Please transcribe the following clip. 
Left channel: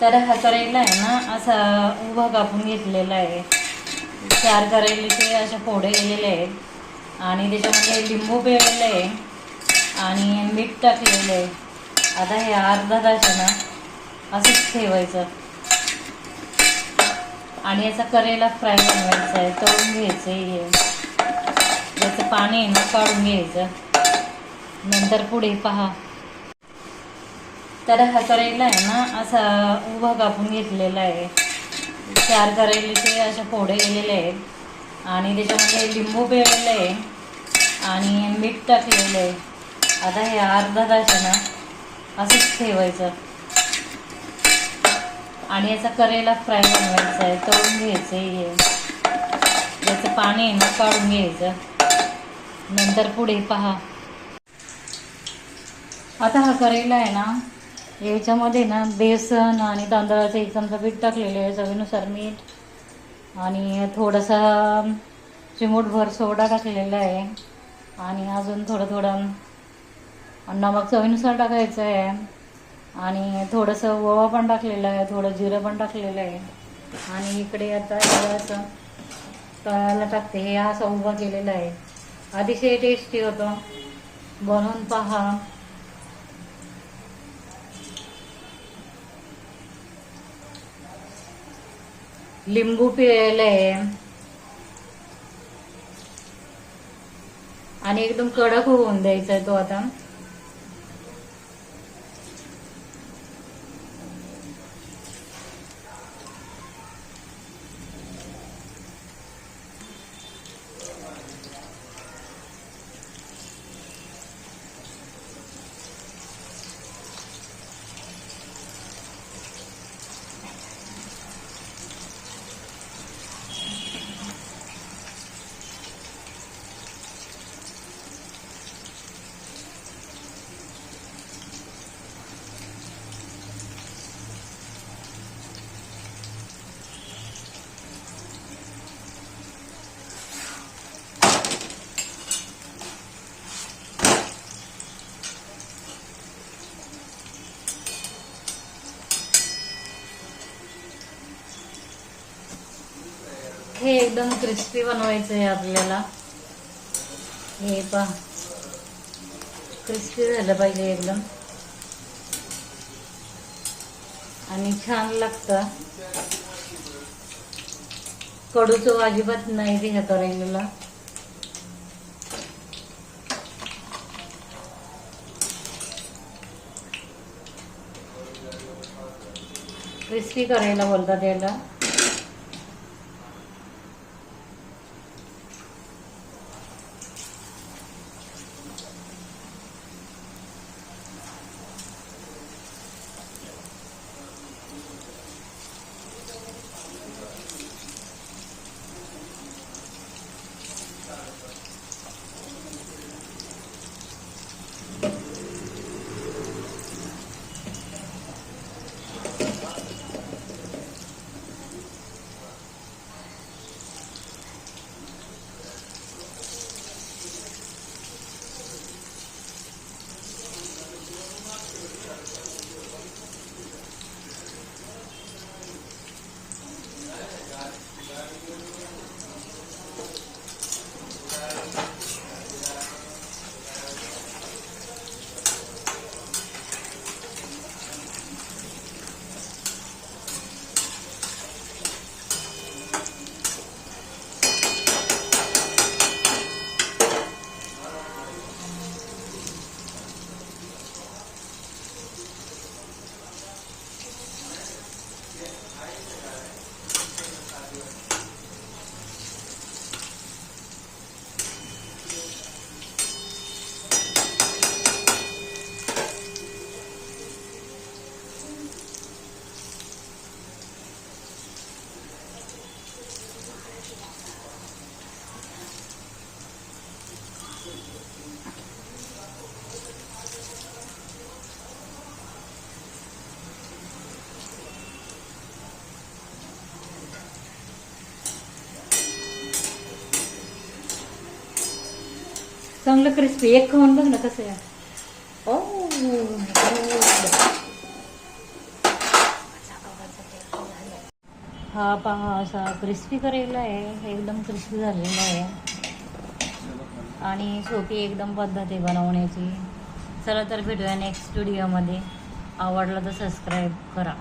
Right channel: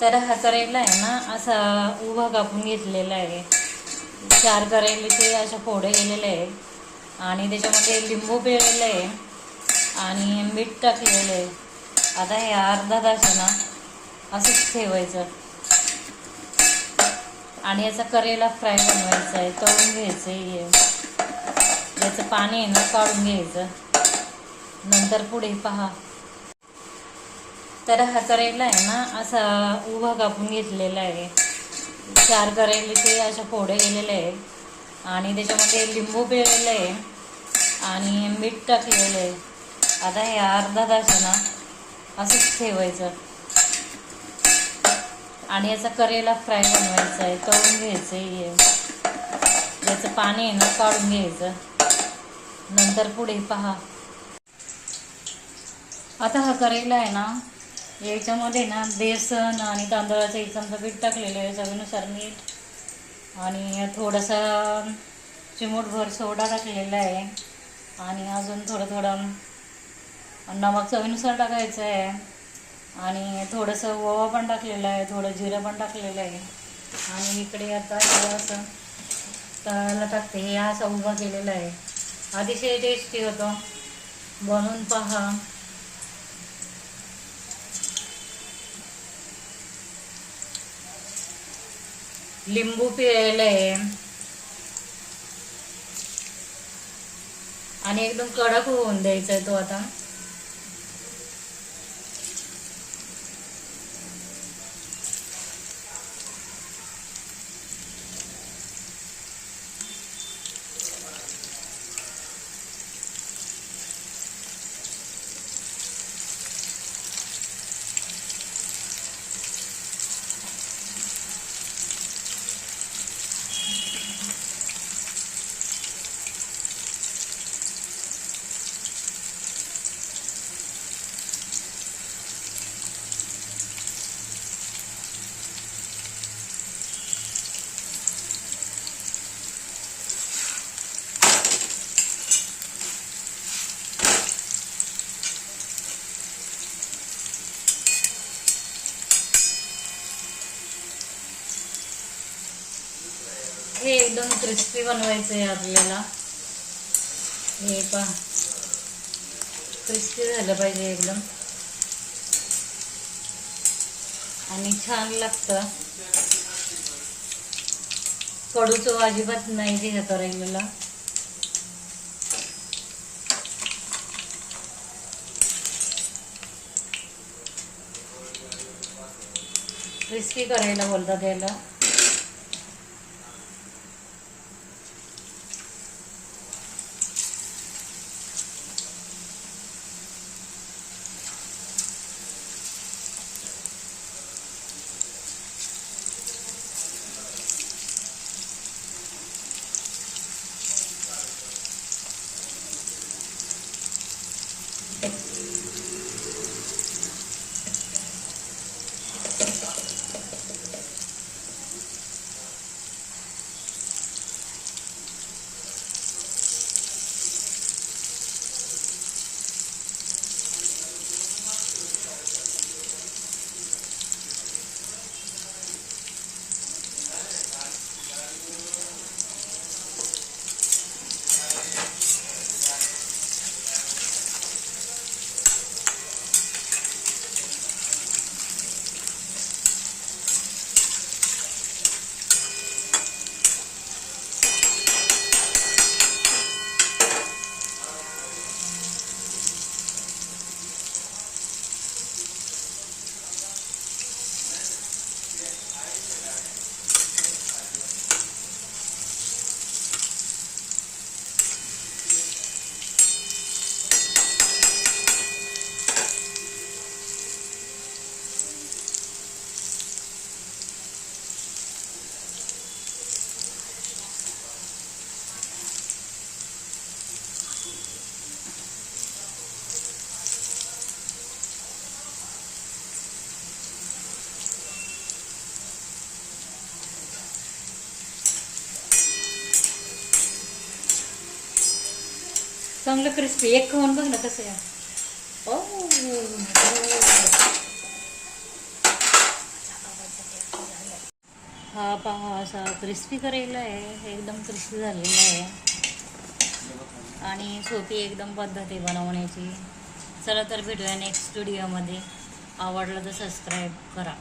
तर हा करेला आहे ना असा उभा कापून घेतलेला आहे. 4 करेलेचे अशा फोडे केलेले आहेत आणि त्याच्यामध्ये लिंबू पिळलेलं आहे आणि मीठ टाकलेलं आहे. आता हे अर्धा तास आहे ना असंच ठेवायचं आणि याचा करेला फ्राय बनवायचा आहे, तळून घ्यायचं आहे. याचं पाणी आहे ना काढून घ्यायचं. नंतर पुढे पहा. तर हा करेला आहे ना असा उभा कापून घेतलेला आहे. 4 करेलेचे अशा फोडे केलेले आहेत आणि त्याच्यामध्ये लिंबू पिळलेलं आहे आणि मीठ टाकलेलं आहे. आता हे अर्धा तास आहे ना असंच ठेवायचं आणि याचा करेला फ्राय बनवायचा आहे, तळून घ्यायचं आहे. याचं पाणी आहे ना काढून घ्यायचं. नंतर पुढे पहा. आता हा करेला आहे ना याच्यामध्ये ना बेसन आणि तांदळाचं 1 चमचा पीठ टाकलेलं आहे, चवीनुसार मीठ आणि थोडासा चिमूटभर सोडा टाकलेला आहे आणि अजून थोडं नमक चवीनुसार टाकायचं आहे आणि थोडंसं ओवा पण टाकलेलं आहे, थोडं जिरं पण टाकलेलं आहे. आणि इकडे आता हे असं तळायला टाकते. हे असं उभा केलेला आहे. अतिशय टेस्टी होतो, बनवून पहा. लिंबू पिळलेलं आहे आणि एकदम कडक होऊन द्यायचा आहे तो आता. हे एकदम क्रिस्पी बनवायचं आहे आपल्याला. हे पहा, क्रिस्पी झालं पाहिजे एकदम आणि छान लागतं. कडू चव अजिबात नाही ते करेलेला. क्रिस्पी करायला बोलतात याला. चांगलं क्रिस्पी. एक खाऊन बघ ना कसं आहे. ओ हा पहा असा क्रिस्पी करेला आहे, एकदम क्रिस्पी झालेला आहे आणि सोपी एकदम पद्धत आहे बनवण्याची. चला तर भेटूया नेक्स्ट व्हिडिओमध्ये. आवडलं तर सबस्क्राईब करा.